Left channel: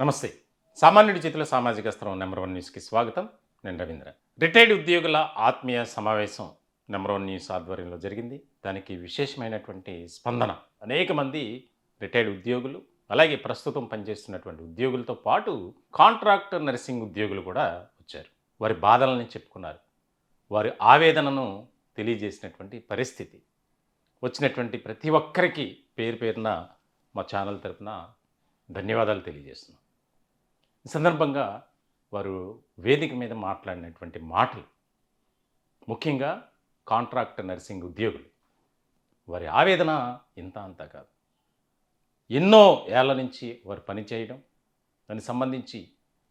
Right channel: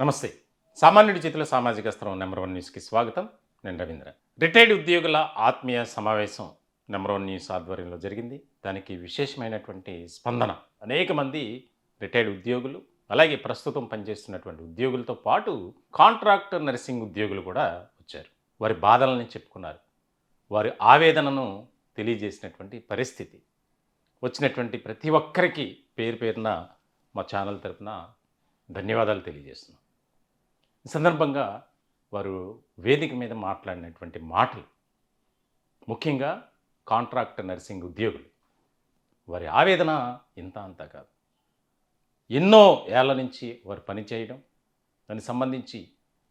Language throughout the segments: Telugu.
నమస్తే. సామాన్యుడి చేతిలో సామాజిక అస్త్రం నెంబర్ 1 న్యూస్‌కి స్వాగతం. నేను రవీంద్ర. రిటైర్డ్ ఉద్యోగుల ఆత్మీయ సమావేశం నెంబర్ 1 న్యూస్ ఆధ్వర్యంలో జరిగింది. దానికి విశేషమైనటువంటి స్పందన. అనేక మంది రిటైర్డ్ ఉద్యోగులు, అలాగే ప్రస్తుతం పనిచేస్తున్నటువంటి ఉద్యోగులతో పాటు కాంట్రాక్ట్ నర్సింగ్ ఉద్యోగులు కూడా వచ్చారు. వారి బాధలను చెప్పుకున్నారు. వారి ఆవేదనను తెలియజేసినటువంటి పరిస్థితి. వచ్చినటువంటి ప్రతి ఒక్కరికి పేరు పేరున మా ఛానల్ తరపున ధన్యవాదాలు తెలియజేస్తున్నాం. ఈ సందర్భంగా వారు వేదిక మీద మాట్లాడినటువంటి మాటలు, ముఖ్యంగా కాంట్రాక్ట్ నర్సింగ్ ఉద్యోగులు, వారి ఆవేదన ఇంత అంతా కాదు. ఎన్నో ఏళ్ల నుంచి వారు పనిచేయడం, దానికి సంబంధించి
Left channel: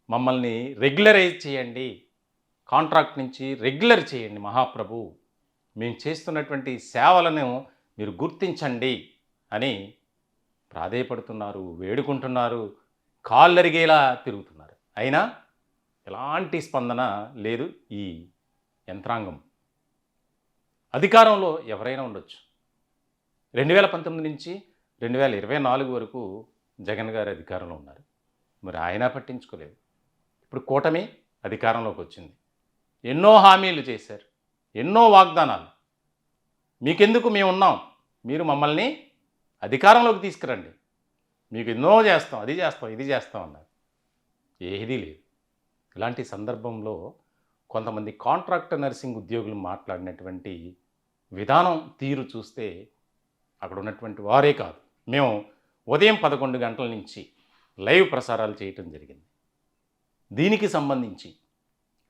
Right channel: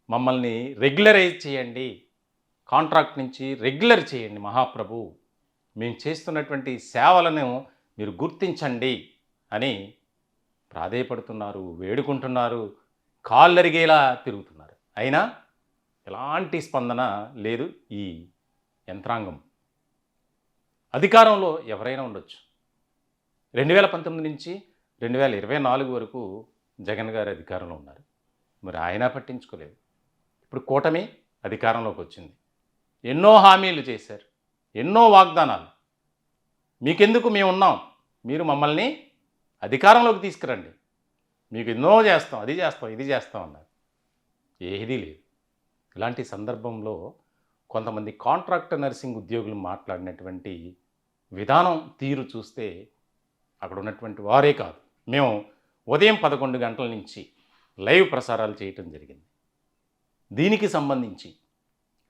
మమ్మల్ని రెగ్యులరైజ్ చేయండి, కాంట్రాక్ట్ నుంచి రెగ్యులర్ చేయండి మహాప్రభు, మేము చేస్తున్నటువంటి సేవలను మీరు గుర్తించండి అని ప్రాధేయపడుతున్నారు, వేడుకుంటున్నారు, కాళ్ళరిగేలా తిరుగుతున్నారు. అయినా ఎలాంటి స్పందన లేదు. ఈ యంత్రాంగం అధికారంలో ఎవరైనా ఉండొచ్చు. 2019 నుంచి 2024 వరకు జగన్ గారు అధికారంలో ఉన్నారు. మరి ఆయన పట్టించుకోలేదు. ఇప్పుడు కూటమి అధికారంలోకి వచ్చింది. ఎన్నో హామీలు చేశారు, ఎన్నో వాగ్దానాలు. మీకెందుకు, మేము ఉన్నాం, మీరు మమ్మల్ని అధికారంలోకి తీసుకురండి, మీకు ఎన్నో చేస్తాం, అది చేస్తాం, ఇది చేస్తాం అన్నారు. ఏదీ లేదు. ఇలాంటి సందర్భంలో కొంతమంది కాంట్రాక్ట్ నర్సింగ్ ఉద్యోగులు మాట్లాడినటువంటి విధానం, తీరు చూస్తే అక్కడ ఉన్నటువంటి వారే కాదు, మేము ఉదయం 11 గంటల నుంచి లైవ్ ప్రసారాలు చేయటం జరిగింది. దీనికి సంబంధించి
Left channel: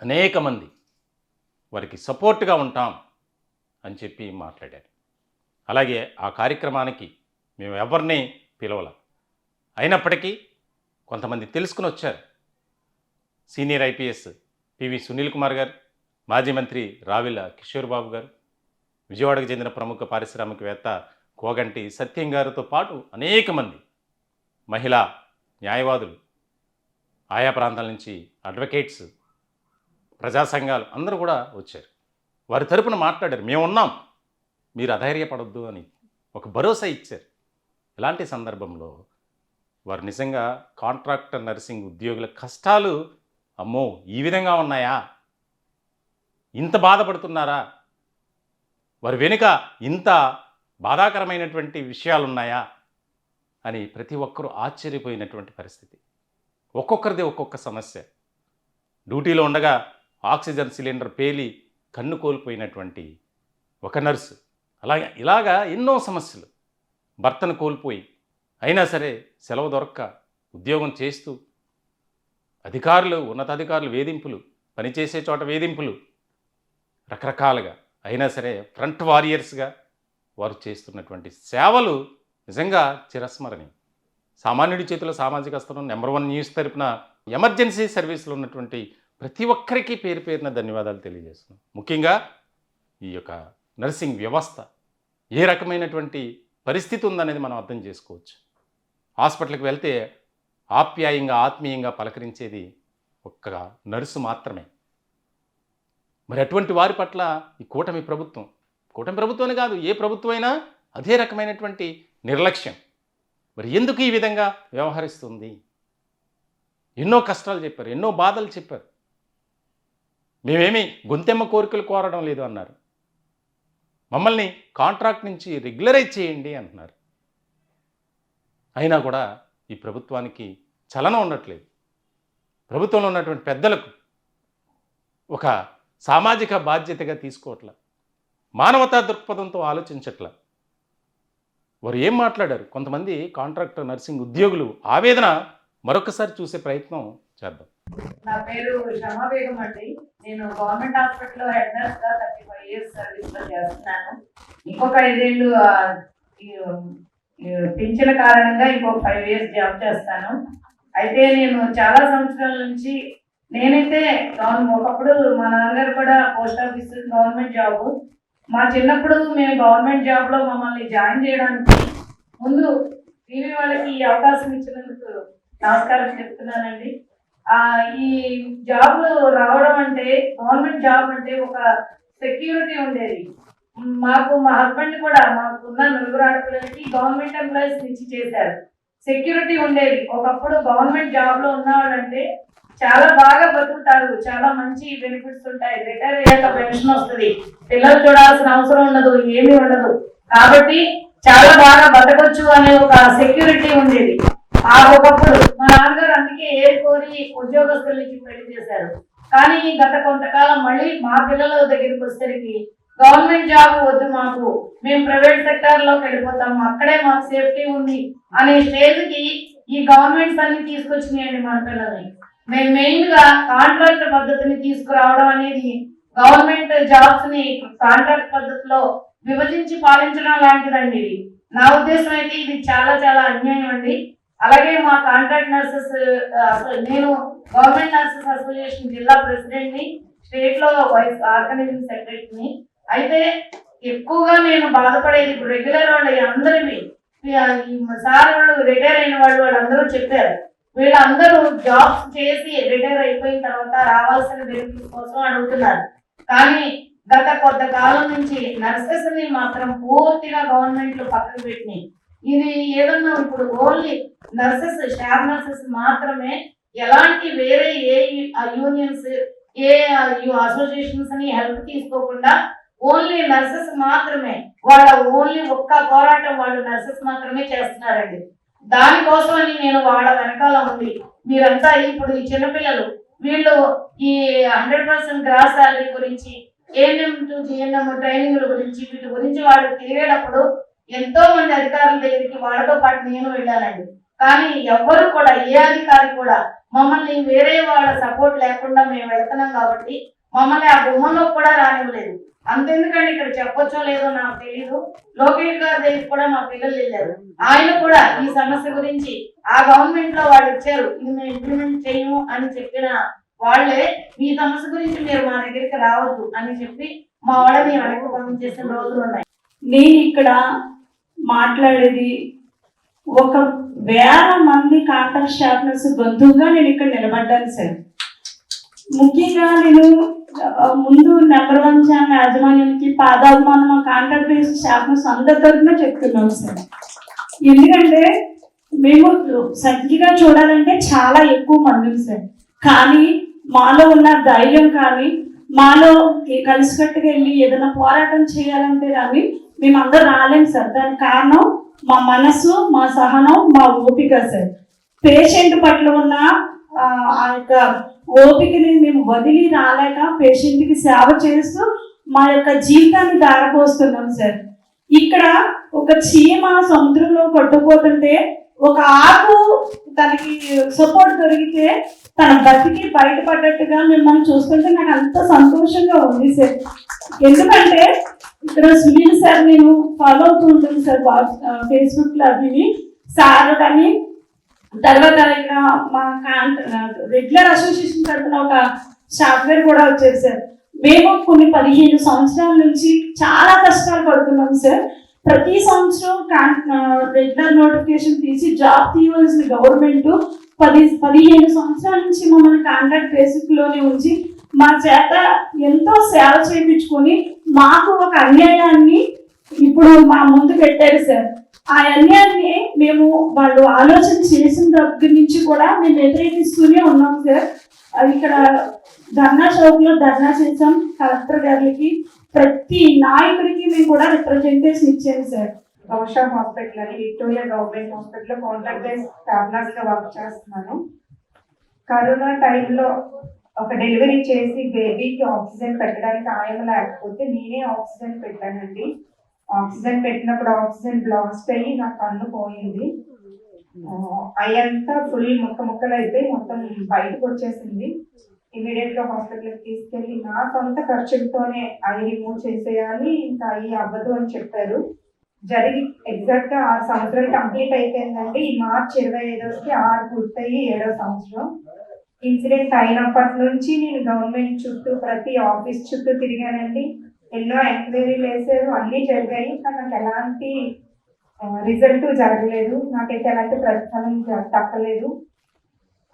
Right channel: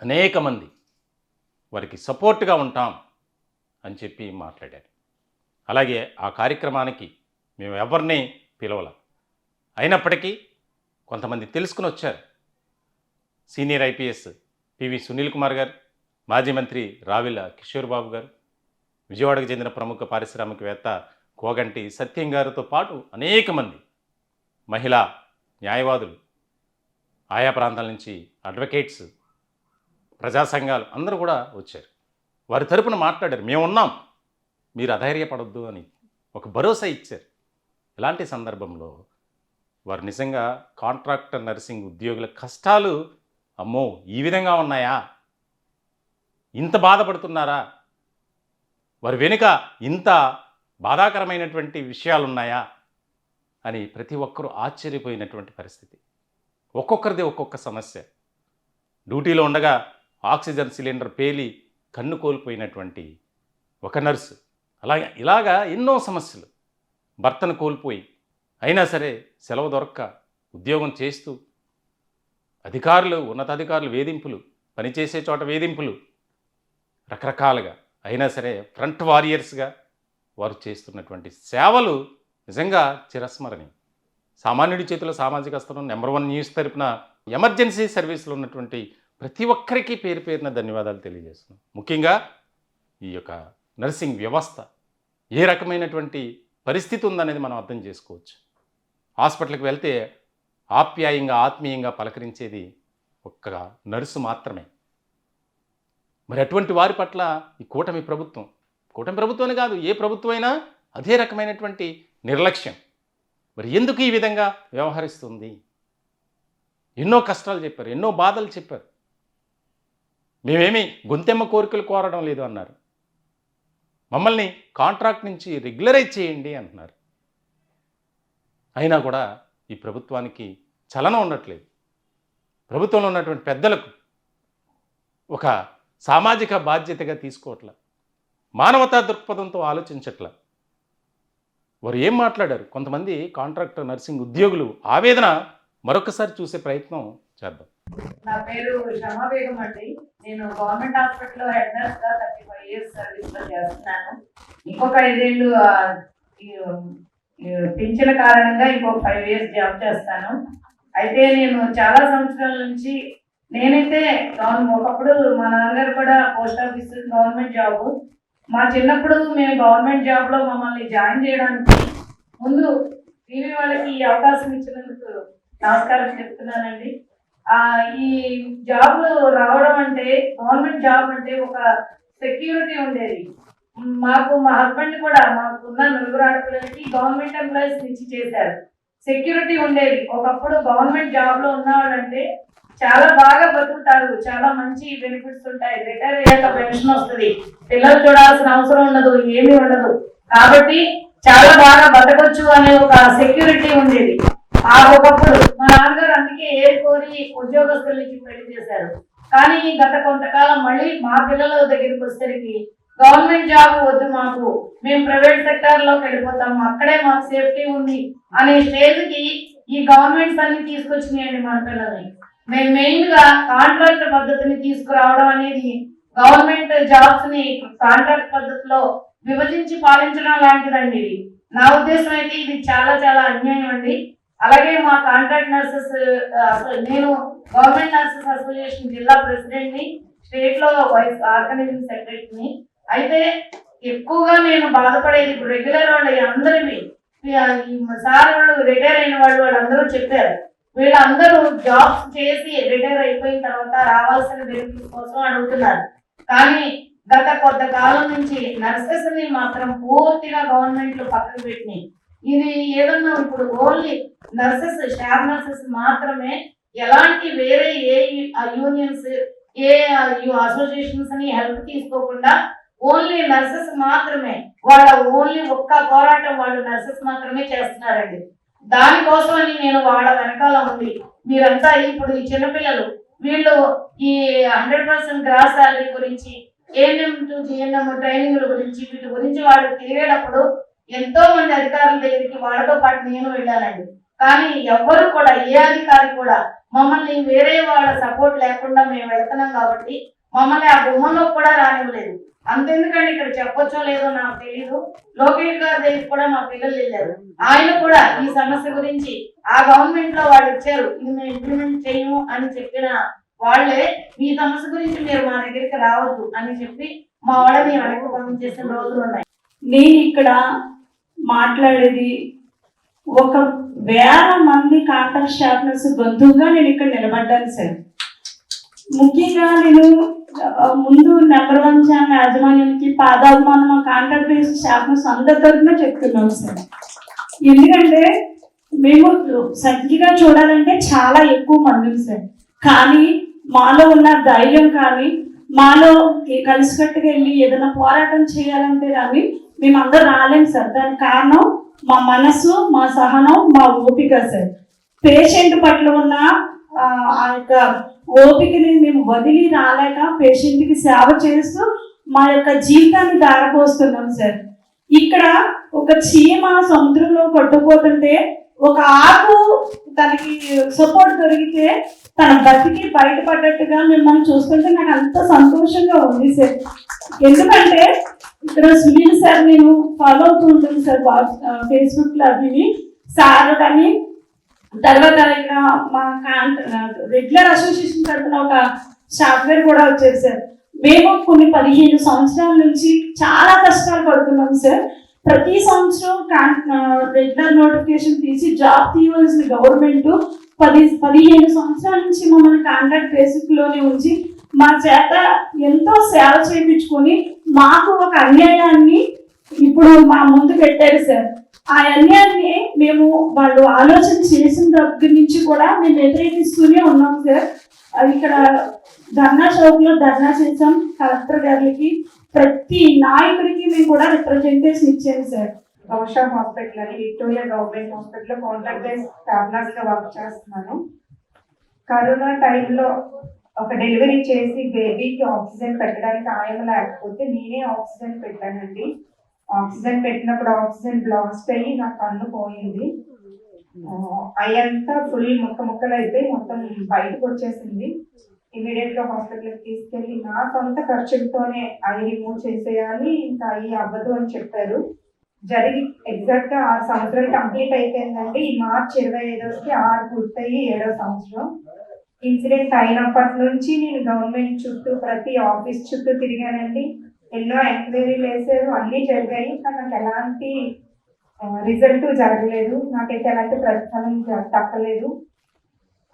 అనేక మంది వారికి సపోర్ట్గా ఉంటాం అని చెప్పి మాట్లాడారు. అలాగే ఆ కార్యక్రమానికి మేము ఎవరిని పిలవల. అయినప్పటికీ కొంతమంది తెలుసుకుని వచ్చారు. Senior IPS PV Sunil Kumar గారు, మాజీ మంత్రి రావిల కిషోర్ బాబు గారు, విజయవాడకు చెందిన ప్రముఖ పారిశ్రామికవేత్త కోగంటి సత్యం గారితో పాటు అనేక మంది మహిళా న్యాయవాదులు, ఆయా ప్రాంతాల నుంచి అడ్వకేట్స్, ప్రజా సంఘాలు అందరూ కూడా వచ్చారు. వారి తరపున మాట్లాడారు. మేమున్నాం, మీరు అధైర్యపడొద్దు అని ఒక భరోసా ఇచ్చారు. ఇలాంటి సందర్భంలో వారు నిజంగా కాంట్రాక్ట్ నర్సింగ్ ఉద్యోగుల కష్టాలు, అమ్మో ఈ విధంగా ఉన్నాయా, ఇంత బాధపడుతున్నారా, వారి వెనుక ఇంత బాధాకరమైనటువంటి విషయాలు ఉన్నాయా అని ప్రతి ఒక్కరూ ఆశ్చర్యపోయినటువంటి పరిస్థితి. ఒక్కొక్కరిది ఒక్కొక్క సమస్య. డ్యూటీలో ఉండగా ఆక్సిజన్ సిలిండర్ పేలి కన్ను కోల్పోయినటువంటి ఒక నర్సు, ఇలాగా ఎన్నో సమస్యలు. భర్తను కోల్పోయి అయినా సరే సెలవు దొరక్క ఉద్యోగం చేస్తూ, అధికారులు, ఉన్నతాధికారులు వేధింపులు, పనిచేసే చోట వేధింపులు, రకరకాలుగా అయినా సరే ఫ్రంట్ వారియర్స్గా వారు చేస్తున్నటువంటి సేవలు నిజంగా చిరస్మరణీయం. సామాన్యుడి చేతిలో సామాజిక అస్త్రం నెంబర్ 1 న్యూస్ తరపున ఎమర్జెన్సీ సర్వీసులో ఉన్నటువంటి ప్రతి ఒక్కరికి పేరు పేరున ధన్యవాదాలు తెలియజేస్తున్నాం. ముఖ్యంగా ఈ యొక్క నర్సింగ్ వ్యవస్థ ఏ రకమైనటువంటి పరిస్థితి ఉందనేది మనం అర్థం చేసుకోవచ్చు. హాస్పిటల్కి వెళ్తే ఆప్యాయంగా, ఆత్మీయంగా పలకరించేది ఒక్క నర్సు మాత్రమే. మరి అటువంటి వారి పట్ల ఈ కూటమి ప్రభుత్వమే కాదు, ఏ ప్రభుత్వం అయినా అదే రకమైనటువంటి నిర్లక్ష్యం. మరి ఎందుకు ఈ విధంగా వ్యవహరిస్తుంది? ఎన్నో కష్టాలు చెప్పారు, ఎన్నో బాధలు చెప్పారు. మేమేమి గొంతెమ్మ కోరికలు కోరడం లేదు అన్నారు. మమ్మల్ని కాంట్రాక్ట్ నుంచి రెగ్యులరైజ్ చేయండి అంటున్నారు. అయినా కూడా ఈ ప్రభుత్వానికి చలనం ఉండట్లేదు. ప్రభుత్వంలో ఉన్నటువంటి పెద్దలకు ఒక సామాజిక బాధ్యతగా తీసుకోవట్ల, మానవతా దృక్పథంతో ఆలోచించట్ల. వారు ఏం మాట్లాడారు? కొంతమంది కాంట్రాక్ట్ నర్సింగ్ ఉద్యోగులు ఆవేదన మరొకసారి చూసే ప్రయత్నం చేద్దాం. నా పేరు షమా బేగం అండి. నేను గవర్నమెంట్ హాస్పిటల్లో హెడ్ నర్స్ గా 35 years సర్వీస్ లో చేస్తున్నాను. ఇంకొక 5 ఏళ్ళు పింఛన్ కారణంగా ఇంకొక 5 years జాబ్ చేస్తాను. అయితే నేను చాలా సంవత్సరాల నుంచి నేనైతే ఒకప్పుడు మా నాన్నగారు కూడా పోస్ట్ ఆఫీస్ గవర్నమెంట్ జాబ్. మా చిన్నప్పుడు మేము గవర్నమెంట్ జాబ్ లో మమ్మల్ని జాయిన్ చేయడానికి ముందు టీవీ వాళ్ళకి ఈ అవకాశం ఇచ్చినందుకు నమస్కారం చెప్తున్నానండి. ఈ జాబ్ రావడం అంటే, గవర్నమెంట్ జాబ్ అంటే ఒక సెక్యూరిటీ ఉండేది. మాకు మా హస్బెండ్ కూడా, మాకున్న 4 ఆడపిల్లలకి గవర్నమెంట్ ఎంప్లాయీస్ ఇచ్చి చేశారు. సెక్యూరిటీ ఉండేది. ఒకప్పుడు గవర్నమెంట్ జాబ్ లో ఉన్నవాళ్ళంటే చాలా బాగా బతుకుతారు, చాలా మంచి బెనిఫిట్స్ ఉంటాయి, రిటైర్ అయ్యాక పెన్షన్ వస్తుంది, పిల్లలు చూడాల్సిన అవసరం ఉండదు, ఏమీ ఉండదు, కాబట్టి చాలా బాగా బతకొచ్చు అనే ఒక సెక్యూరిటీ ఉండేది. ఆ ఒకప్పుడు మా నాన్నగారు అందుకే కోరి ఉద్యోగస్తులకి పెళ్లి చేశారు. కానీ గత కొంతకాలం మళ్ళీ మా పిల్లల దగ్గరికి వచ్చేసరికి గవర్నమెంట్ జాబ్ వద్దు మాకు, మేము ప్రైవేట్ సెక్టార్ లోకి వెళ్ళిపోతాము, అక్కడే మాకు సేఫ్టీ ఉంది అనే స్టేజ్ కి ఈ గవర్నమెంట్స్ అన్ని తీసుకొచ్చినాయండి మన పిల్లల్ని. మేము మెయిన్ గా కాంట్రాక్ట్ పద్ధతిని తీసుకురావడం అనేది, గవర్నమెంట్ జాబ్స్ ని కాంట్రాక్ట్ పద్ధతిలో విభజించి పాలించడం లాంటిదండి ఇది. నా ఉద్దేశం అయితే ఇది చాలా చాలా అన్యాయం అండి. అలాగే మా కాంట్రాక్ట్ నర్సెస్, అసలు నేను గవర్నమెంట్ నర్సెస్ అసోసియేషన్ జిల్లా ప్రెసిడెంట్ ని, స్టేట్ లో వైస్ ఆర్గనైజింగ్ సెక్రటరీని. అయితే ఎక్కువగా నేను బాధపడేది ఇప్పుడు రెగ్యులర్ వాళ్ళు అందరివి, సార్ వాళ్ళు రిటైర్ అయిన వాళ్ళందరూ చెప్పారు, వీళ్ళందరూ జాబ్స్ చేసి రిటైర్ అయిపోయిన తర్వాత రావాల్సిన బెనిఫిట్స్ కోసం అడుగుతున్నారు. కానీ గత కొంతకాలం నుంచి నర్సెస్ ని మాత్రం పూర్తిగా గవర్నమెంట్లు పక్కన పెట్టినాయి. ఇది ఏదన్నా ఇప్పుడు ఓన్లీ నర్సెస్, స్టాఫ్ నర్సెస్ మాత్రమే, ఎలాంటి వేరే ఏ యూనియన్స్, ఏ అసోసియేషన్స్ ని హెల్ప్ తీసుకోకుండా ఓన్లీ నర్సెస్ మాత్రమే, వాళ్ళ ఓన్లీ ఒక్క పోరాటం వాళ్ళు నర్సెస్ మాత్రమే చేస్తున్నారండి. దానికోసం అని నేను వాళ్ళ వెనకాల ఉంది. మీరంతా ఇప్పుడు ఈ చిన్నపిల్లలు వీళ్ళు ఈ 100% గ్రాస్ శాలరీ గురించి, ఏఎన్ఎం టు జిఎన్ఎం ట్రైనింగ్ల గురించి, వీటి గురించి వాళ్ళు తిరిగేటప్పుడు ఎంతో మంది అధికారుల దగ్గరికి వాళ్ళతో పాటు నేను వెళ్ళానండి. కానీ ఎవ్వరు కూడా, ఏ అధికారి కూడా మమ్మల్ని వేరే వాళ్ళ సపోర్ట్ లేకుండా మేము వెళ్తున్నాం కాబట్టి మమ్మల్ని ఆ గుమ్మంలో కూడా రానివ్వలేదు. అంతెందుకండి, ఇక్కడ చెప్పొచ్చో లేదో నాకు తెలియదు, లోకేష్ గారి దగ్గరికి కూడా మా పిల్లలు వెళ్ళారు. ఆయన కూడా ఈ సమస్య గురించి ఆ గవర్నమెంట్ లో వాళ్ళు ఇచ్చారు, ఇది మేము ఇంప్లిమెంట్ చేయము అని చెప్పిన వాళ్ళే, మీ సమస్య గురించి మీరు మా దగ్గరికి రావద్దు అని చెప్పి మా వాళ్ళని వెనక్కి పంపించేసిన రోజులు ఉన్నాయి. నేను ఇక్కడ మాట్లాడేది ఒక 1000 మంది కాంట్రాక్ట్ స్టాఫ్ నర్స్ గొంతుగా నేను ఇక్కడ నిలబడ్డాను సార్. ముఖ్యంగా నేను ముందు నెంబర్ 1 ఛానల్ యాజమాన్యానికి పాదాభిమానం మా కాంట్రాక్ట్ బేస్డ్ స్టాఫ్ నర్స్ అందరి తరఫున చెప్తున్నాం సార్. ఎందుకంటే మేము సరిగ్గా చూడాలంటే చాలా ఎక్కువ మంది సార్, కానీ మాలో ఉన్న ధైర్యం కానీ, మాలో కలిసికట్టుగా వెళ్ళి ఏదైనా పోరాటం చేయాలంటే కానీ మేము అందరూ రాలేం సార్. దానికి కారణం మా మనసు, మా సహనం, మా ఓపిక సార్. పేషెంట్ పట్ల ఉన్న ఆ యొక్క ఓపికని మేము వదిలి రాలేక పేషెంట్కి సేవ చేస్తూ మా యొక్క జీవితాన్ని దారపోస్తున్నాం సార్. ఇక్కడ ఒక చీమ సముద్రంలో కొట్టుకుపోతుంటే ఒక ఆకు తనకి సపోర్ట్ దొరికితే తన బతికి బయటపడ్డట్టుగా మిమ్మల్ని చూస్తుంటే నాకు అంత సంతోషంగా ఉంది సార్. ఎందుకంటే ఇక్కడ సునీల్ సార్ నేను ఫాలో అవుతూ ఉంటుంది సార్ ఫేస్బుక్ లో, అది సార్ కానీ తర్వాత ఇక్కడ మా రెగ్యులర్ అసోసియేషన్ తరఫున ఒక సాఫ్ట్వేర్ కూడా వచ్చారు సార్. మేము కొన్ని 15 సంవత్సరాల నుంచి చాలా కష్టాలు పడుతున్నాం సార్. ప్రతి సంవత్సరం రెగ్యులర్ నోటిఫికేషన్ తీసి జాబ్ తీయవలసిన గవర్నమెంట్ 15 సంవత్సరాల నుంచి మమ్మల్ని కాంట్రాక్ట్ బేసిక్ లోనే ఉంచి మా చేత ఎంతో సేవ చేయించుకొని మాకు ఒక అన్యాయాన్ని ఇప్పుడు మా ముందు పెట్టారు సార్. ఆ అన్యాయాన్ని మేము వాళ్ళు ఆలోచన చేసిన దగ్గర నుంచి కూడా మేము వ్యతిరేకిస్తూనే ఉన్నాం సార్. ఇక్కడ ధర్నా చౌక్ లో ధర్నా చేసాం కలెక్టర్ గారికి, ప్రతి నాయకుడికి మేము కూడా రిప్రజెంటేషన్ ఇచ్చాము సార్. గౌషా హాస్పిటల్ అని విక్టోరియా గవర్నమెంట్ హాస్పిటల్లో కాంట్రాక్ట్ బేస్ స్టాఫ్ నర్స్ గా వర్క్ చేస్తున్నాను. కరోనా టైంలో ఒక డెలివరీ చేసి బేబీకి ఆక్సిజన్ పెట్టడానికి ఆయన లేకపోతే నేనే ఆక్సిజన్ పెట్టానండి. ఆక్సిజన్ పెట్టినప్పుడు ఆక్సిజన్ బ్లాస్ట్ అయ్యి నా కన్ను పోయింది. అయ్యంతా ఫుల్ ముక్కలు అయిపోయి మొత్తం బయటకు వచ్చేసింది. ఇమీడియట్ గా హాస్పిటల్కి తీసుకెళ్ళి నా సొంత ఖర్చులతోనే ఐ రిమూవ్ చేసేయాలి, ఇంకా అయ్యి అవ్వదు అని చెప్పారు. జరిగి ఎగ్జాక్ట్ గా 6 సంవత్సరాలు కంప్లీట్ అయిపోయిందండి. ఈ మార్చి 25కి 6 పూర్తయి 7వ సంవత్సరం. ఇన్సిడెంట్ అయినప్పటి నుంచి నేను గవర్నమెంట్ చుట్టూ ప్రతి ఆఫీస్ చుట్టూ తిరిగానండి. ఎన్నో ఎంక్వైరీలు వేసారు, అన్నీ జరిగాయి, కానీ నాకు ఎలాంటి రిజల్ట్ జరగలేదు. నాకైతే ఎలాంటి ప్రతిఫలం తప్పలేదు.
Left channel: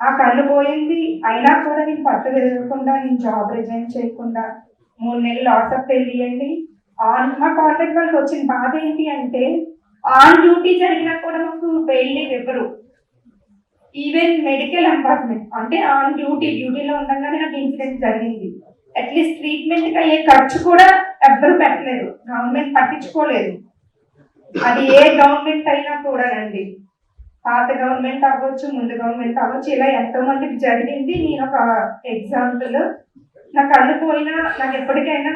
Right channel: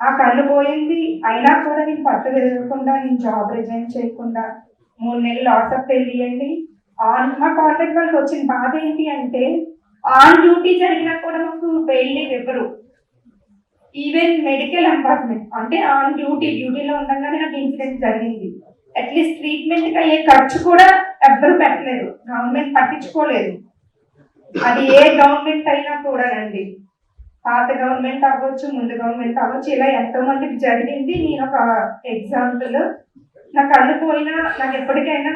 ఆ కళ్ళు పోయింది అయినా కూడా నేను పట్టు తిరగకుండా, నేను జాబ్ రిజైన్ చేయకుండా 3 నెలలు లాస్ ఆఫ్ వెళ్ళియండి. మా కాంట్రాక్ట్ వాళ్ళకి వచ్చిన బాధ ఏంటి అంటే, ఆన్ డ్యూటీ జరిగినా కూడా మాకు బెయిల్ లీవ్ ఇవ్వరు. ఈవెన్ మెడికల్ ఎంపార్ట్మెంట్ అంటే ఆన్ డ్యూటీలో ఉండగానే నాకు ఇన్సిడెంట్ జరిగింది. అట్లీస్ట్ ట్రీట్మెంట్ అయ్యే ఖర్చు కూడా ఎవ్వరు పెట్టలేదు, గవర్నమెంట్ పట్టించుకోలేదు. అది ఏ గవర్నమెంట్ అయినా కూడా అండి, పాత గవర్నమెంట్ అవ్వచ్చు, ముందు గవర్నమెంట్ అవ్వచ్చు, ఇలా ఎంతో మందికి జరిగింది. నేను ఒక ఎగ్జాంపుల్. నా కళ్ళు పోయినా నాకు ఎప్పటికైనా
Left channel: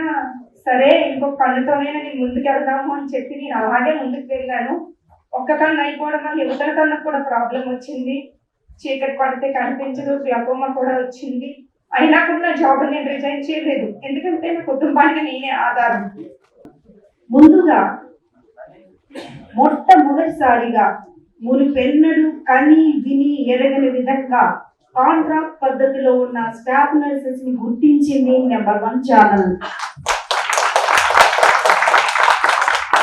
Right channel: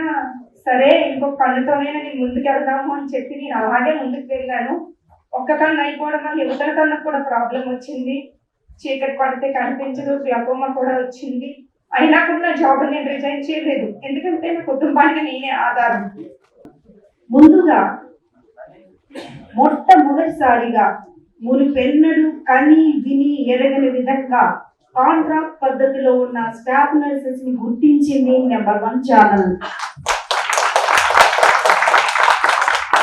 సరే ఇంకొక కళ్ళుతోనే నేను ముందుకు వెళ్దాము అని చెప్పి నేను అలాగే ముందుకు వెళ్ళాను. ఒక్క కన్ను అయిపోవడం వల్ల యువతల కన్నుకు కూడా ప్రాబ్లం వచ్చింది. చీకటి పడితే కనిపించదు, గ్లకోమా కూడా వచ్చింది. అయినా కూడా నా జాబ్ నేను రిజైన్ చేయలేదు, ఎందుకంటే నా కుటుంబానికి నేనే ఆధారం. ముందుగా మొట్టమొదటిసారిగా మునిపెన్నడు కని విని ఎరగని విధంగా కాంట్రాక్ట్ పద్ధతిలో ఉన్న స్టాఫ్ నర్సెస్ ని గుర్తించింది నెంబర్ 1 ఛానల్.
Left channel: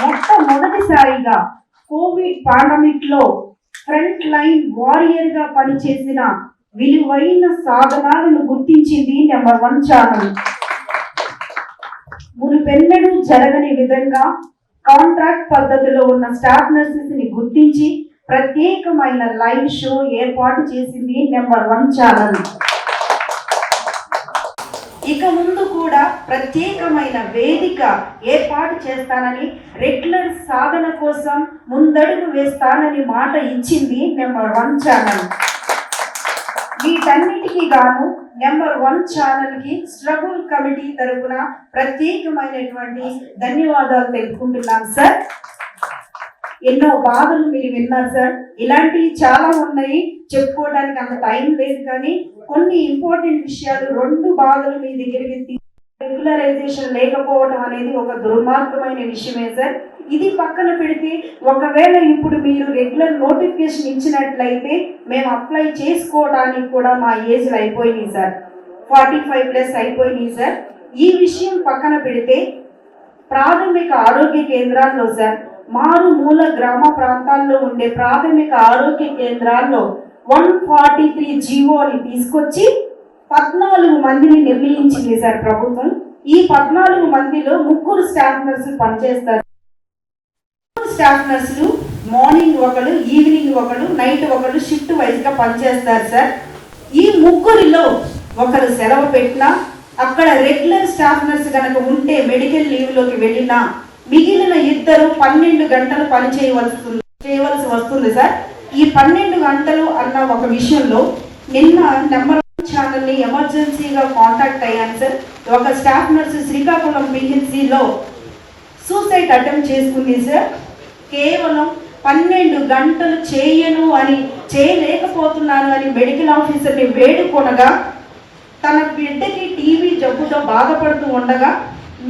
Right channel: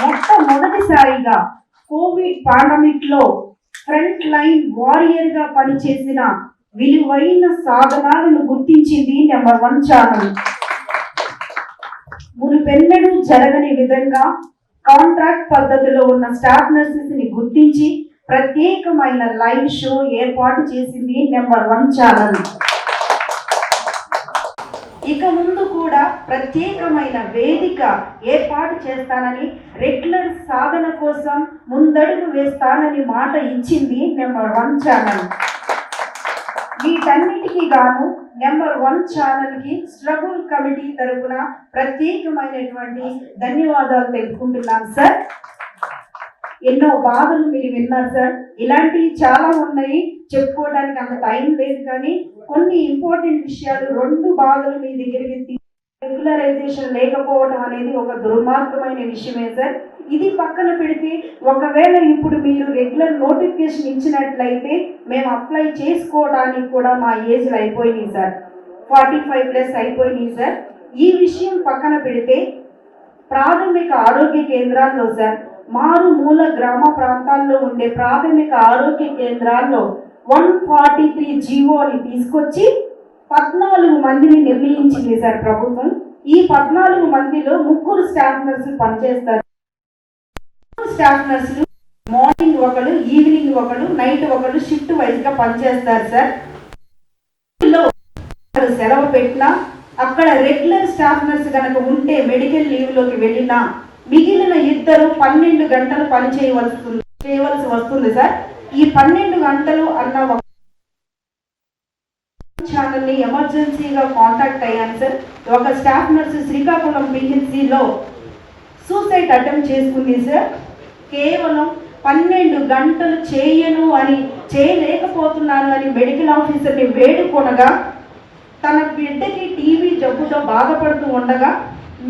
మొట్టమొదటిసారిగా కోవిడ్ పాండమిక్ లో ఫ్రంట్ లైన్ వారియర్ గా పనిచేసిన విలువైన సాధనాలను గుర్తించింది నెంబర్ 1 ఛానల్. మునిపెన్నడూ జరగని విధంగా కాంట్రాక్ట్ పద్ధతిలో ఉన్న స్టాఫ్ నర్సెస్ ని గుర్తించి ప్రత్యేకమైన లైవ్ షో ఏర్పాటు చేసింది నెంబర్ 1 ఛానల్. ఇక ముందు కూడా ప్రత్యేకమైన వేదిక ఏర్పాటు చేస్తానని, రెగ్యులర్ సాధన కోసం ముందడుగు వేస్తానని మాట ఇచ్చింది నెంబర్ 1 ఛానల్. వీటన్నిటికీ గాను నెంబర్ 1 ఛానల్ కి స్ట్రగుల్ కమిటీ తరఫున ప్రత్యేకమైనటువంటి ధన్యవాదాలు తెలుపుకుంటున్నాను సార్. ఎన్నో బాధలు మీరు విన్నారు సార్, ఇలాంటివి చాలా ఉన్నాయి, చెప్పుకోవడానికి అంత టైం లేదు, కానీ కొన్ని ఇంపార్టెంట్ విషయాలు 2 బాధలు మీ దగ్గరికి రెగ్యులరైజేషన్ లేకపోవడం అనేది ఒక దుర్మార్గమైన విషయమే సార్. ఇది పక్కన పెడితే ఒకవేళ ఇప్పుడు మీరు రెగ్యులర్ నోటిఫికేషన్ ఇచ్చినట్లయితే మేము అప్లై చేసుకోవడానికి కూడా మా ఏజ్లు అయిపోయినాయి సార్, 45+ అయిపోయినాయి సార్. ఈ విషయం పక్కన పెడితే ప్రాథమిక ఆరోగ్య కేంద్రాల్లో సార్, మారుమూల గ్రామ ప్రాంతాల్లో ఉండే ప్రాథమిక ఆరోగ్య కేంద్రాల్లో 143 జీవోని తీసుకొచ్చి 14 మందిని నిర్ణయించింది సార్ ప్రభుత్వం. ఈ 14 మందిలో 3 స్టాఫ్ నర్సులు పనిచేస్తారు. స్టాఫ్ నర్సులు మార్నింగ్ ఒకరు, ఈవినింగ్ ఒకరు, నైట్ ఒకరు షిఫ్ట్ వైజ్ గా పనిచేస్తారు సార్. ఈ 3లో ఒకరు సెలవు పెట్టినా, అక్కడ రెగ్యులర్ స్టాఫ్ నర్స్ కనుక ఉంటే మెడికల్ లీవ్ లోకి వెళ్ళినా మిగిలిన 2 12 గంటలు పని చేయవలసి వస్తుంది సార్. ఈ 12 గంటలు అన్న ఒక విషయంలో నిన్న నెంబర్ 1 ఛానల్ని ఎమర్జెన్సీగా కాంటాక్ట్ అయ్యాను సార్. ఒక స్టాఫ్ నర్సు శ్రీకాకుళం పిహెచ్సిలో సూసైడ్ అటెంప్ట్ చేసుకుంది సార్. కేవలం 12 గంటలు చేయలేకపోతున్నాను అని మెడికల్ ఆఫీసర్ని వేడుకొనగా, తన బిడ్డకి టీవీ జబ్బుతో బాధపడుతూ ఉండగా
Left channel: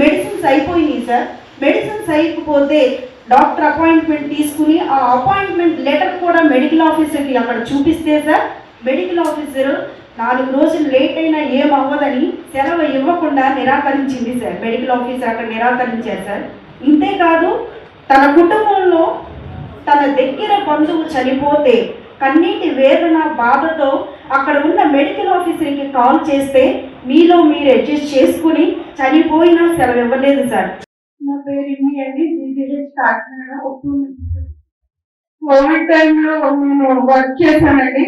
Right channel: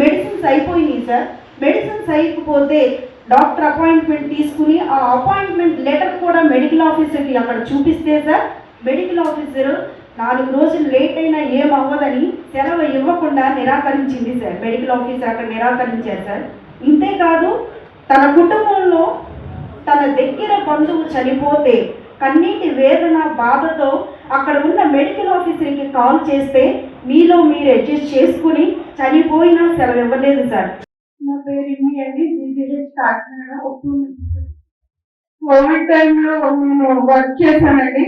మెడిసిన్స్ అయిపోయినాయి సార్. మెడిసిన్స్ అయిపోతే డాక్టర్ అపాయింట్మెంట్ తీసుకుని ఆ అపాయింట్మెంట్ లెటర్ కూడా మెడికల్ ఆఫీసర్కి అక్కడ చూపిస్తే సార్, మెడికల్ ఆఫీసర్ 4 రోజులు లేట్ అయినా ఏమవ్వదని సెలవు ఇవ్వకుండా నిరాకరించింది సార్. మెడికల్ ఆఫీసర్ అక్కడ నిరాకరించారు సార్. ఇంతేకాదు, తన కుటుంబంలో తన దగ్గర బంధువు చనిపోతే కన్నీటి వేదన బాధతో అక్కడ ఉన్న మెడికల్ ఆఫీసర్కి కాల్ చేస్తే మీలో మీరు అడ్జస్ట్ చేసుకుని చనిపోయినా సెలవు ఇవ్వలేదు సార్. నా పేరు ఇమ్మి అండి, కాకినాడ. కోవిడ్ టైంలో నేను వర్క్ చేశానండి.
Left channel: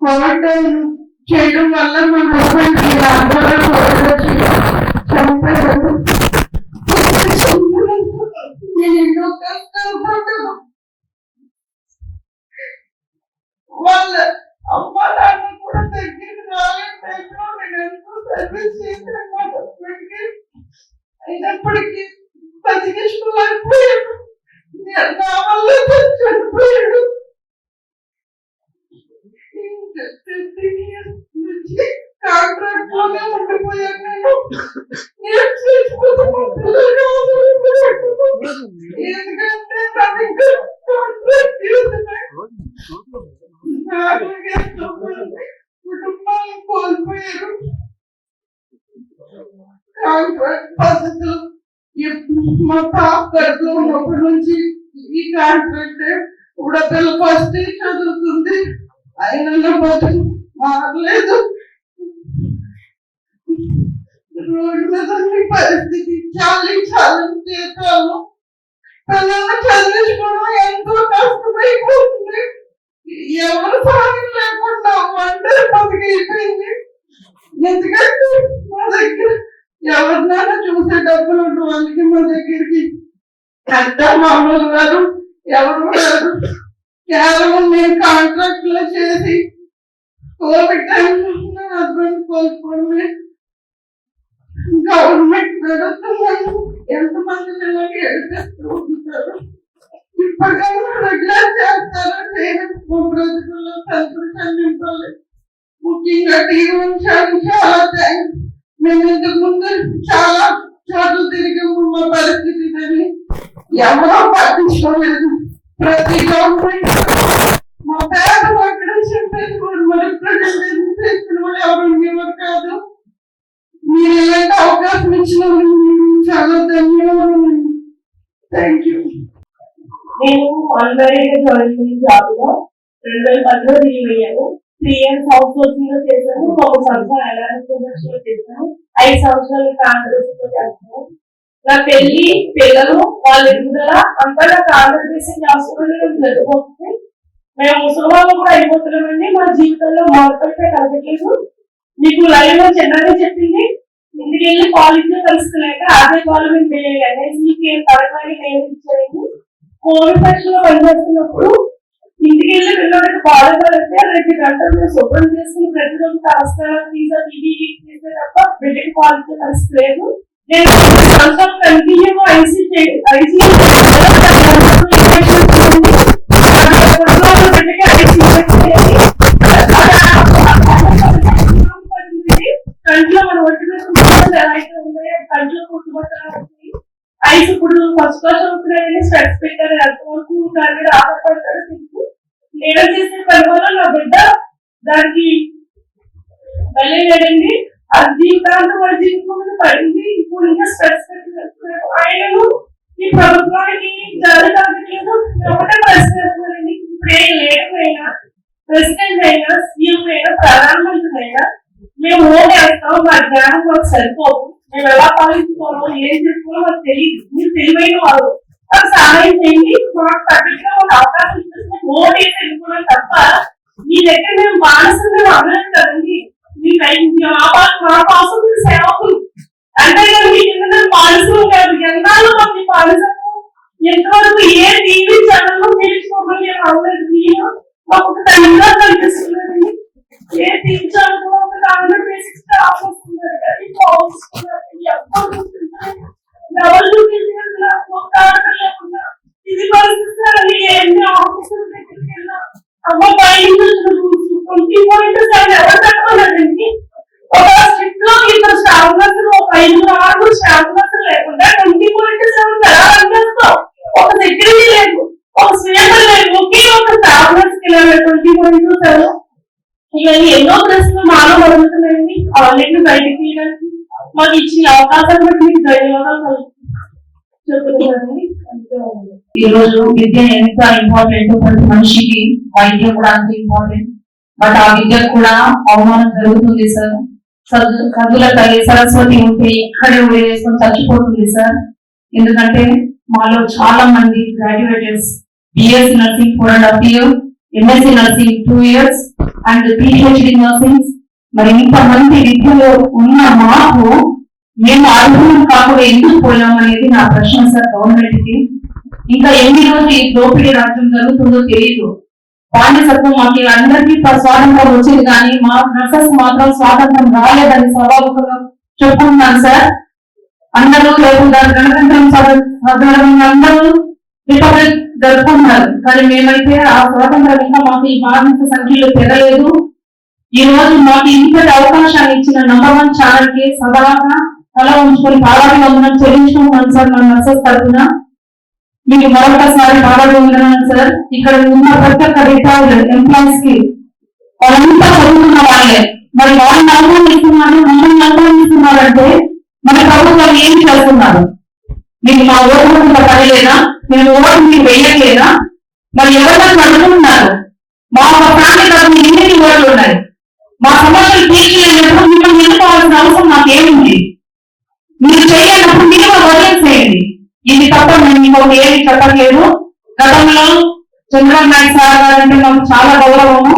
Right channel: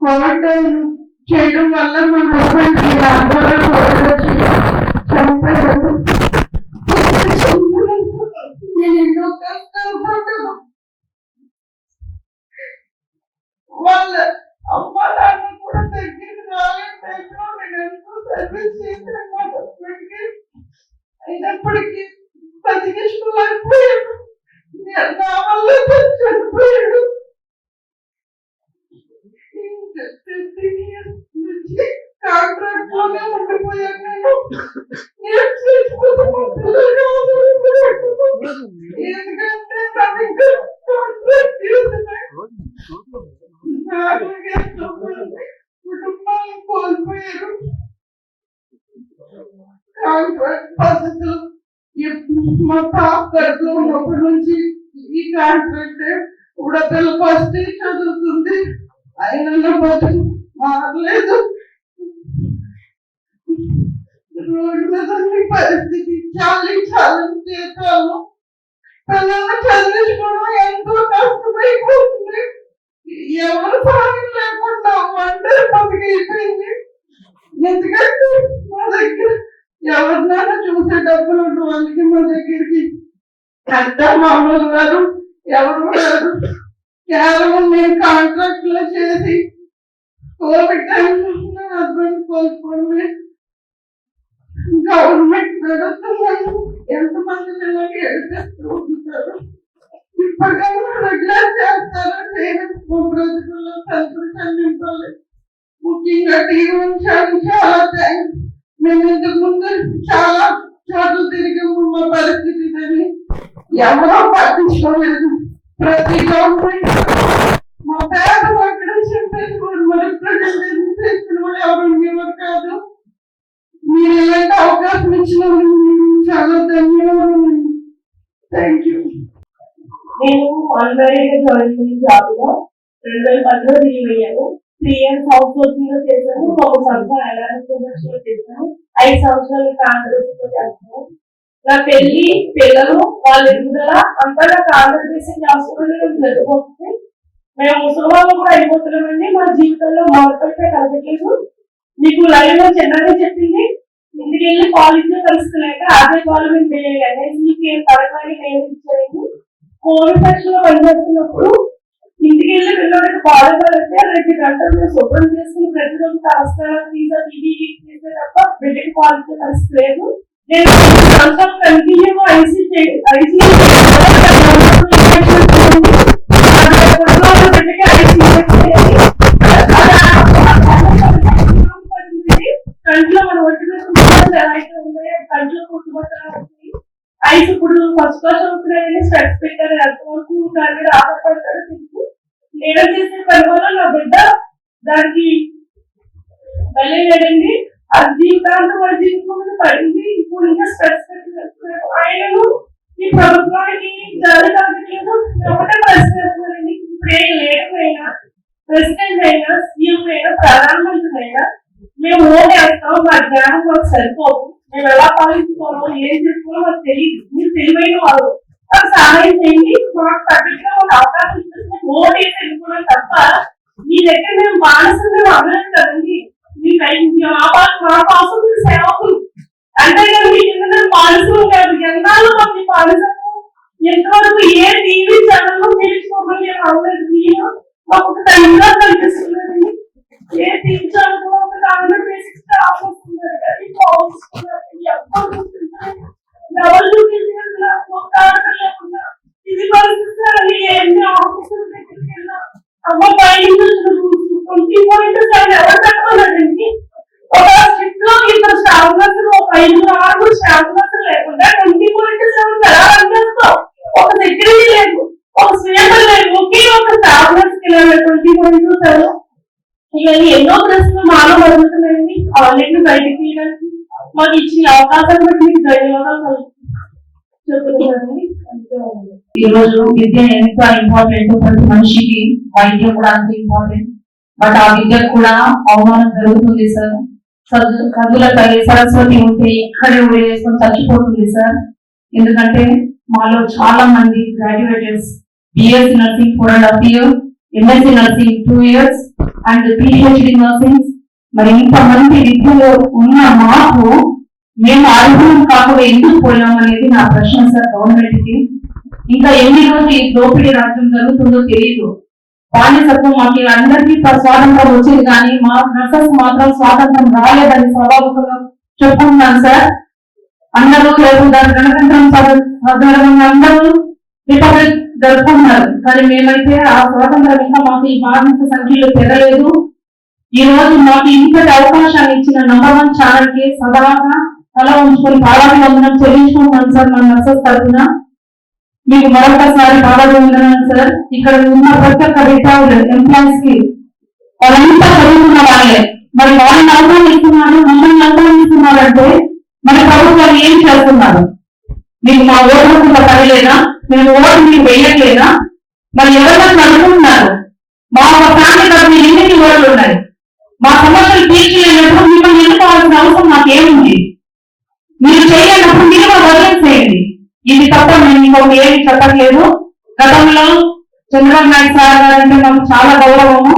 కోవిడ్ టైం చేయడం వల్ల మా హస్బెండ్ ఆందోళన వచ్చి చనిపోయారు. నేను ఎన్నో కష్టాలు పడ్డాను. వాళ్ళ అమ్మ నాన్న కూడా దగ్గరికి రాలేకపోయినా నేను ఎంతో సర్వీస్ చేశాను మా హస్బెండ్కి. అయినప్పటికీ బతికించుకుని అయిపోయాడు, నా వల్ల చనిపోయాడు. 15 years నుంచి కాంట్రాక్ట్ లోనే ఉండిపోయాను నేను. ఎందుకంటే నాకు ఇంకా కాంట్రాక్ట్ కుటుంబాలను కోల్పోయారు. కాంట్రాక్ట్ పద్ధతులు మా పాప గర్భంలో ఉన్నప్పటి నుంచి ఈ కాంట్రాక్ట్ ఇప్పుడు పిల్ల ఫస్ట్ చదువుతుంది, అయినా బతుకు మారలేదు. రోడ్డు మీద పరిస్థితి చాలా జీతాలు, పిల్లల్ని చదివించుకోవడం ఎంతో కష్టమైపోతుంది. ఎవరు సాయం లేకుండా మామూలు గారు ఎవరు లేరు. కేవలం నేను కాంట్రాక్ట్ లో చేసి కోవిడ్ టైంలో నా హస్బెండ్ కోల్పోవడమే. గవర్నమెంట్ నడుస్తున్నాను ఎంతమంది పిల్లలకి ఎడిపిస్తూ ఉంటారు. ఇప్పటికైనా రెగ్యులర్ చేస్తారో చేయడం మా బ్రతుకుల్లో సంతోషాన్ని నింపాలి. ముఖ్యంగా టీవీ ఉంచాను. చాలా థ్యాంక్స్. మేము ఇంతకు ముందు చాలా చోట్ల తిరిగాము. మా పరిస్థితి అని ఎవరో పట్టించుకోలేదు. ప్రతి గవర్నమెంట్ మా పేద అక్కడ చెప్పేది కూడా మరి ప్రజలు చేసిన వాళ్ళు ఎవరు ఉండేవారు కాదు. మీరు ఇలాంటి అవకాశం ఇచ్చినందుకు చాలా ధన్యవాదాలు. Thank you. నేను అన్మ్యారీడ్ జాయిన్ జాబ్ లో 2010లో లీవ్ అయ్యాను. 3 years హౌస్ హోల్డింగ్ లో చేశాను. 1 సంవత్సరం ఎలాంటి లో చేశాను. 5 సంవత్సరాలు కాంగ్రెస్ లో చేస్తాను. నా పెళ్లి పిల్లలు వాళ్ళ ఎదుగుదల అంతా నాకు ఆంధ్రప్రదేశ్ హాస్పిటల్ జరిగిపోతుంది. మేము ముసలివాళ్ళు కూడా అయిపోతున్నామండి. మా జీవితంలో మార్పులపై కలగట్లేదు. మీకు లైవ్ లో చిన్నగా చెప్పింది. ఇంటికి వెళ్ళి కాలేజ్ లో కలుసుకోలేక అదే గవర్నమెంట్ ఎన్ఐసీకి పథకాన్ని నేను ఇచ్చాను. కోవిడ్ సెక్షన్ లో పనిచేస్తున్నప్పుడు ఇంటికి వెళ్ళి పిల్లలకి బాధపడితే 2 గంటలు మేము శుభ్రం చేసుకుని ప్రతిరోజు తలస్నానం తీసే తప్ప బిడ్డకి కాలేజ్ కలుసుకోలేదు. నేను సంవత్సరం కంటిన్యూగా కంట్లో మన ఒంటి కంట్లో కుట్టుబట్టాలి. ఐస్ ఇప్పుడు ఫస్ట్ క్లాస్ అవుతున్నాయని స్పెక్స్ పెట్టారు. ఎంతవరకు దాని మీద ఆధారపడతాడు తెలుసు. నేను చేసే పని వల్ల నా బిడ్డ దానికి వెళ్ళలేదండి. అది జీవితాంతం మన జీవితం మీద పడింది. ఇప్పుడు ఇంకా స్పెక్స్ పెట్టారు. ఆయనను ఈ ప్రభుత్వానికి జారీ కాగట్లేదు. ఒకటే ప్రశ్న వేస్తున్నారండి. ఇప్పుడు ఏ లీడర్ అయినా ప్రెసిడెంట్ అయినా సీఎం అయినా ప్రధానమంత్రి అయినా మేము ఓట్ వేస్తాం. మా జ్ఞానం మాకు సరిపోదు. మేము ఎలా పాలించుకోవాలో ఏం చేసుకోవాలో మాకు తెలియదు. మీరు తెలివైన వారు మాకు సహాయం చేయండి. మాకు తగ్గట్టుగా ఒక అవకాశం ఇస్తే ఓట్ వేసి వెళ్ళిపోవడం తప్ప మీ దగ్గర మేము బానిసలు మేము అందరం కదండి. మా కోసం మీరు సేవకులు అంతేగాని మీ కింద మేము బానిసలు కాదు. ఎన్నాళ్ళు మాకు మీ బానిసలు ఎంతవరకు ఏ టీవీ ఛానల్లో తెలుసుకోమని నేను అందరూ మాకు ఒక తండ్రిగా కనిపిస్తున్నారండి. ఏ టీవీ ఛానల్ ఒక హండ్రెడ్ బేసిక్స్ ఆఫీస్తున్నారు కానీ ఇది పరిస్థితి ఎన్ని ఆఫీసుల దగ్గరికి వెళ్ళినా అమ్మ బయట 20.7 ఎవరు కట్టుకోలేదండి. ఒక స్ట్రిక్ట్ లో 2 స్టాఫ్ నర్సులు, ఒక 5-6 స్టాఫ్ నర్సులు లేకుండా 20.7 ఎలా రన్ చేస్తాం? ఒక సెక్యూరిటీ లేదు, ఒక స్వీపర్ లేదు, ఒకే ఒక స్టాఫ్ నర్స్ 20.7. ఇవన్నీ ఎన్నో ప్రశ్నలు మాలో జరుగుతున్నాయండి. ఆన్లైన్ బయటకు తీయడానికి మాకు ఇచ్చిన అవకాశాన్ని బట్టి మీకు ధన్యవాదాలు చెప్తున్నానండి. ఈ రోజు విద్య ఎంత ఇంపార్టెంట్, ప్రతి మనిషికి వైద్యం కూడా అంత ఇంపార్టెంట్. బట్ ఆ విద్యకు కూడా అవమానం జరుగుతుంది సార్. చదువుల తల్లి సరస్వతి ఉంటే ఇక్కడే వేసుకొని చచ్చిపోతుంది సార్. ఎందుకంటే మాలో చాలా మంది graduators BSc nursing 4.5 years, MSc nursing 2 years and PhD nursing. మరి ఇంతమంది విద్యలో ఉన్న మాకు మేము అర్హులం కాకుండా ఎందుకు పోయాం అనేది నా ప్రశ్న సార్ గవర్నమెంట్ కి. ఇంకా ఎన్ని రోజులు ఈ దోపిడీ రాజ్యం జరుగుతుందో తెలియదు. బానిసత్వం మాకు అందరికీ స్వాతంత్రం వచ్చింది కానీ మా నర్సెస్ మాత్రం స్వాతంత్రం రాలేదని స్వాభావికంగా చెప్పుకుంటున్నాను సార్. అందరూ రేపు గణతంత్రం సాధారణంగా అందరూ రిపబ్లిక్ జరుపుకుంటున్నారు. కానీ మేమైతే ఆ స్వాతంత్రం ఇంకా మాకు ఈ బానిస సంఖ్యలో పెరగలేదు. ఈ రోజు మాకు ఇంతటి అవకాశాన్ని ఇచ్చిన నంబర్ 1 ఛానల్ కి సదాగా తల ఉంచుకొని పాడాభివందనం చెల్లించుకుంటున్నాను సార్. మన నర్సెస్ తరఫున మీకు మరొకసారి పాడాభివందనాలు సార్. ఇక్కడ ఉన్న ప్రతి ఒక్క రిటైర్డ్ ఎంప్లాయీస్ కి వాళ్ళంతా చదువుకున్న వాళ్ళే. మరి వాళ్ళని అవమానిస్తున్నారు, మమ్మల్ని అవమానిస్తున్నారంటే మన ప్రభుత్వం ఏం చేస్తున్నారు? మీకు మా ఓటు పడలేదా? మేము ఓటు మీకు వేయట్లేదా? మరి ఎవరైనా చదువుకుంటున్నారు? మా ఫ్యామిలీ తరఫున ఎన్ని ఓట్లు ఉన్నాయి? మా సమస్యలు తీర్చలేనప్పుడు మిమ్మల్ని ఎన్నుకోవాల్సిన అవసరం నాకేముంది? మీరు చేయలేనప్పుడు మీరు వదిలేసేయండి. ఇది తప్ప మేము ఇంకొక ఏమి చెప్పట్లేదు. గతంలో చంద్రబాబు నాయుడు సార్ గారంటే మాకు చాలా గౌరవము.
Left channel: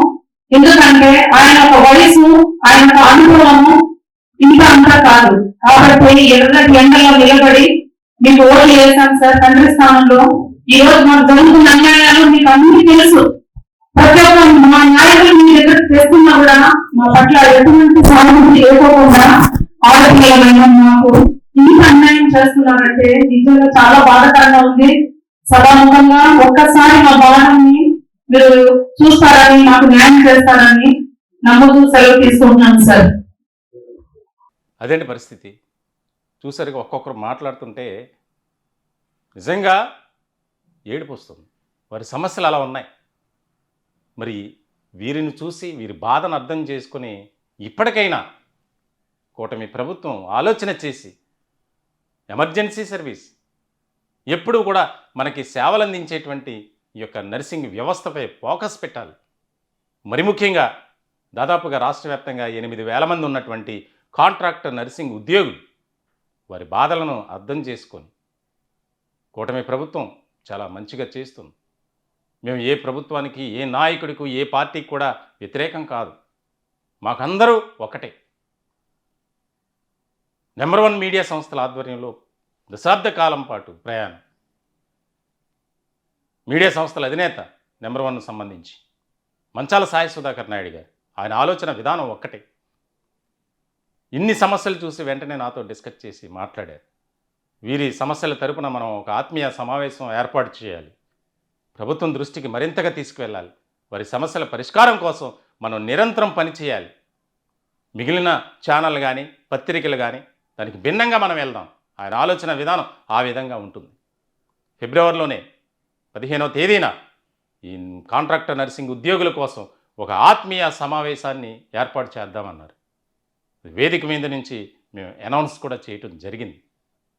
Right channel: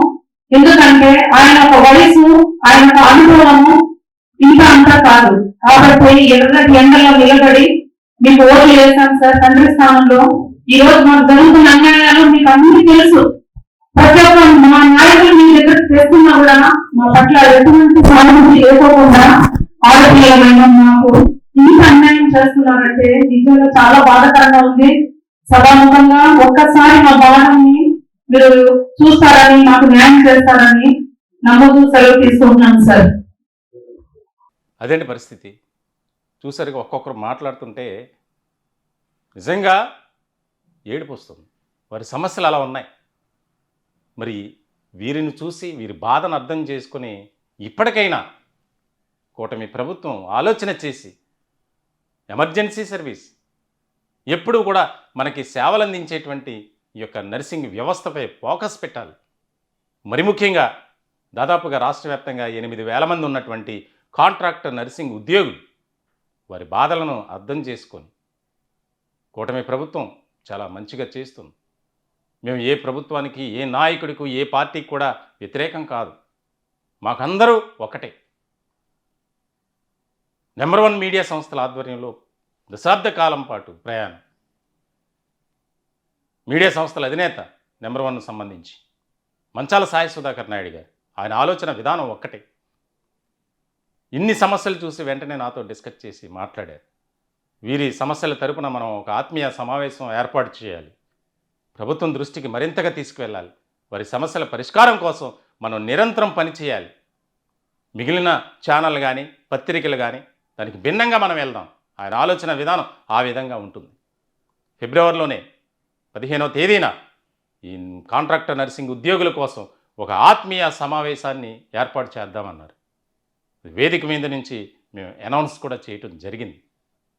ఎందుకంటే ఆయన ఒక వయసు, ఆయన ఒక అనుభవము ఇంకా అంతా కాదు. కాబట్టి ఎర్రటి ఎండలో నిలబడి మీకు ఓట్లు వేశాను సార్ తండ్రి స్థానంలో. ఈ రోజు మాకు జరుగుతున్న అన్యాయాలు మీకు అందరికీ తెలుసు. ప్రతి ఒక్క మా నాయకులు మీ దగ్గర తెస్తున్నా కూడా మా పట్ల ఎటువంటి సానుభూతి లేకపోకుండా ఆలోచన మాకు ఇంత అన్యాయం చేస్తున్నారంటే నిజంగా చాలా బాధాకరంగా ఉంది. సభాముఖంగా ఒక్కసారి మా భవనాన్ని మీరు చూస్తారని, మాకు న్యాయం చేస్తారని నమ్ముతూ సెలవు తీసుకుంటున్నాను సార్. అదేంటి పరిస్థితి చూసరికి ఒక్కొక్కరు మాట్లాడుతుంటే నిజంగా ఏడుపు వస్తుంది. వారి సమస్యలు అలా ఉన్నాయి. మరి వీరిని చూసి వీరి బాధను అర్థం చేసుకుని ఇప్పటికైనా కూటమి ప్రభుత్వం ఆలోచన చేసి ఎమర్జెన్సీ సర్వీస్ ఎప్పుడు కూడా మనకి సేవలు అందించేటువంటి ఈ యొక్క నర్సింగ్ వ్యవస్థపై ఫోకస్ పెట్టాలి. మరి ముఖ్యంగా దాదాపుగా రాష్ట్ర వ్యాప్తంగా 8,000 మంది ఉన్నటువంటి కాంట్రాక్టర్ నర్సింగ్ ఉద్యోగులు వారి బాధలను అర్థం చేసుకొని కూటమి ప్రభుత్వం చాలా మంచిగా చేస్తుంది. మేము ఏ ప్రభుత్వానికి, ఏ నాయకుడికి, ఏ పార్టీకి కూడా వ్యతిరేకం కాదు. మాకందరూ ఒకటే. నెంబర్ 1 మీడియా సంస్థల ఆధ్వర్యంలో దశాబ్ద కాలం పాటు ప్రయాణం. మీడియా సంస్థల అధినేత నెంబర్ 1 సంబంధించి మంచాల సాయి సుధాకర్ నాయుడు గారు, ఆయన ఆలోచన విధానం ఒక్కటే. ఇన్ని సమస్యలు చూసి వెంటనే నాతో డిస్కస్ చేసి మాట్లాడారు. వీరి సమస్యల తరపున మనం ఒక ఆత్మీయ సమావేశం ఏర్పాటు చేయాలి, ప్రభుత్వం దృష్టికి మరింతగా తీసుకువెళ్ళాలి, వారి సమస్యల పరిష్కారం కోసం మనం నిరంతరం పనిచేయాలి. మిగిలిన ఛానల్ కానీ పత్రికలు కానీ దానికి భిన్నంగా మనం వెళ్దాం. ఆయన ఆలోచన విధానం ఆ విధంగా ఉంటుంది. ఫిబ్రవరిలోనే 15వ తేదీన ఈ కాంట్రాక్టర్ నర్సింగ్ ఉద్యోగుల కోసం ఒక ఆత్మీయ సమావేశాన్ని ఏర్పాటు చేద్దామన్నారు. వేదిక మీద నుంచి మేము అనౌన్స్ కూడా చేయటం జరిగింది.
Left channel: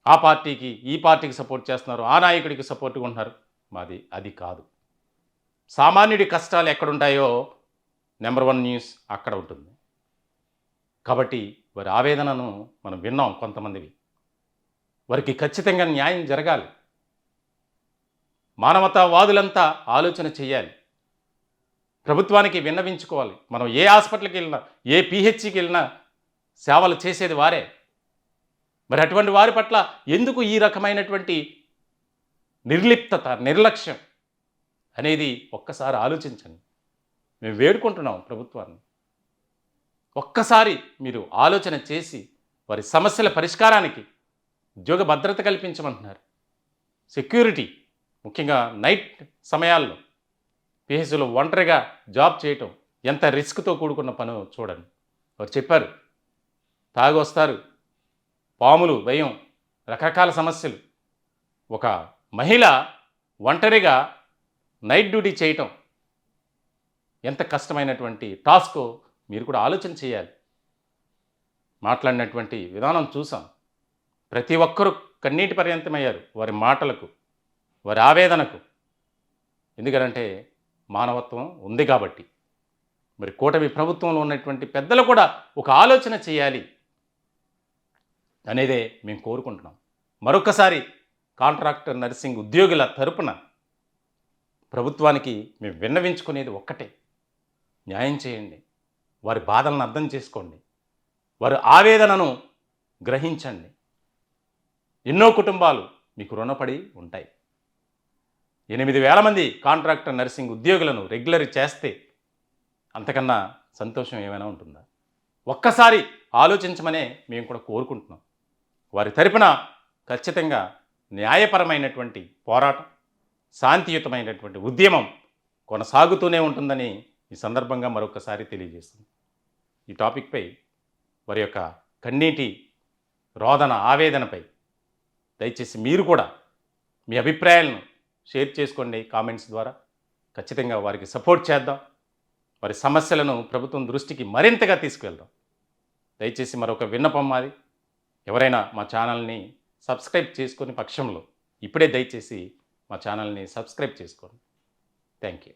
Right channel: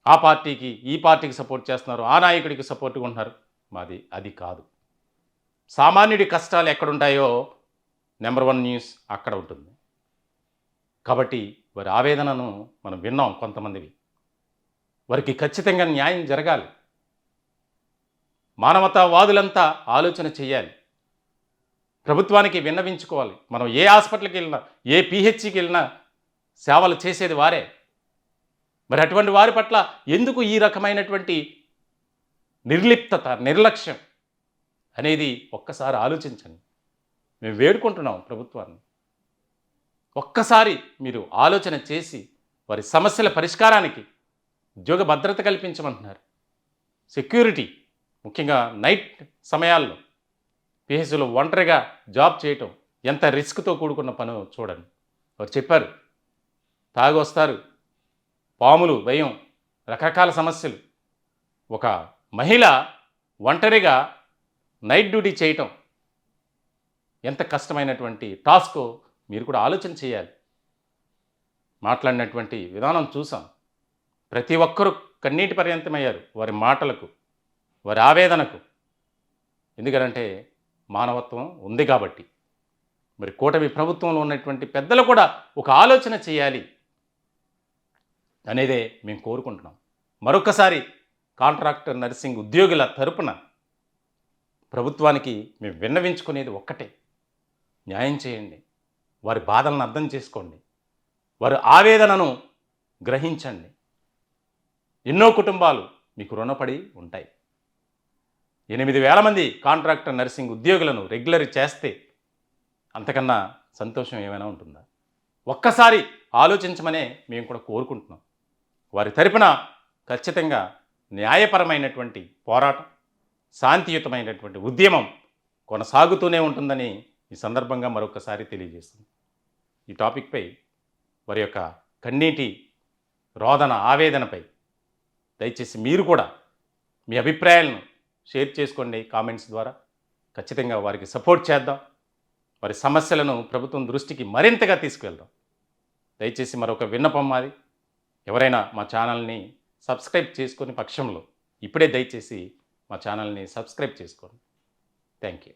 ఆ పార్టీకి, ఈ పార్టీకి సపోర్ట్ చేస్తున్నారు, ఆ నాయకుడికి సపోర్ట్గా ఉంటున్నారు. మాది అది కాదు. సామాన్యుడి కష్టాలు ఎక్కడుంటాయో నెంబర్ 1 న్యూస్ అక్కడ ఉంటుంది. కాబట్టి వారి ఆవేదనను మనం విన్నాం. కొంతమందివి వారికి ఖచ్చితంగా న్యాయం జరగాలి. మానవతావాదులంతా ఆలోచన చేయాలి. ప్రభుత్వానికి విన్నవించుకోవాలి. మనం ఏ హాస్పిటల్కి వెళ్ళినా, ఏ పిహెచ్సికి వెళ్ళినా సేవలు చేసేది వారే. మరి అటువంటి వారి పట్ల ఎందుకు ఈ రకమైనటువంటి నిర్లిప్తత, నిర్లక్ష్యం అనేది ఒక్కసారి ఆలోచించండి. మేము వేడుకుంటున్నాం ప్రభుత్వాన్ని, ఒక్కసారి మీరు ఆలోచన చేసి వారి సమస్యల పరిష్కారానికి ఉద్యోగ భద్రత కల్పించమంటున్నారు. సెక్యూరిటీ, ముఖ్యంగా నైట్ సమయాల్లో పిహెచ్సిలో ఒంటరిగా జాబ్ చేయటం ఎంత రిస్క్తో కూడుకున్న పనో చూడండి. వారు చెప్పారు, తాగొస్తారు, పాములు, భయం, రకరకాల సమస్యలు. ఒక మహిళ ఒంటరిగా నైట్ డ్యూటీ చేయటం ఎంత కష్టమైనటువంటి టాస్కో మీరు కూడా ఆలోచన చేయాలి. మాట్లాడినటువంటి విధానం చూసాం. ప్రతి ఒక్కరూ కన్నీటి పర్యంతమయ్యారు వారి మాటలకు, వారి ఆవేదనకు. ఎందుకంటే మానవత్వం ఉంది కాబట్టి. మరి కూటమి ప్రభుత్వంలో ఉన్నటువంటి పెద్దలు కూడా ఒక ఆలోచన చేయాలి అనేదే మేము కోరుకుంటున్నాం. మరొకసారి కాంట్రాక్టర్ నర్సింగ్ ఉద్యోగుల తరపున ప్రభుత్వానికి మేము విన్నవించుకునేది ఒక్కటే, న్యాయం చేయండి. వారి బాధలను అర్థం చేసుకోండి, వారి ఆవేదనను గ్రహించండి. ఎన్నో కుటుంబాలు మీకు రుణపడి ఉంటాయి. 8,000 మంది కాంట్రాక్టర్ నర్సింగ్ ఉద్యోగులను రెగ్యులర్ చేస్తే అంతకన్నా సంతోషం ఏమైనా ఉంటుందా? ఒక్కసారి ఆలోచించమనే మేము కూడా కోరుకుంటున్నాం. వారి తరపున ఖచ్చితంగా న్యాయపరమైనటువంటి పోరాటం, శాంతియుతమైనటువంటి ఉద్యమం కొనసాగుతూనే ఉంటుందని ఈ సందర్భంగా మరొకసారి తెలియజేస్తుంది. ఈ టాపిక్పై వారి యొక్క కన్నీటి రోదన, ఆవేదనపై దయచేసి మీరు కూడా మీ అభిప్రాయాలను షేర్ చేసుకోండి కామెంట్స్ ద్వారా. ఖచ్చితంగా వారికి సపోర్ట్ చేద్దాం. వారి సమస్యలను ప్రభుత్వం దృష్టికి మరింతగా తీసుకువెళ్దాం. దయచేసి మరొక విన్నపం మాది, ఎవరైనా మా ఛానల్ని సబ్స్క్రైబ్ చేసుకునే పక్షంలో ఇప్పుడే దయచేసి మా ఛానల్ని సబ్స్క్రైబ్ చేసుకోండి. Thank you.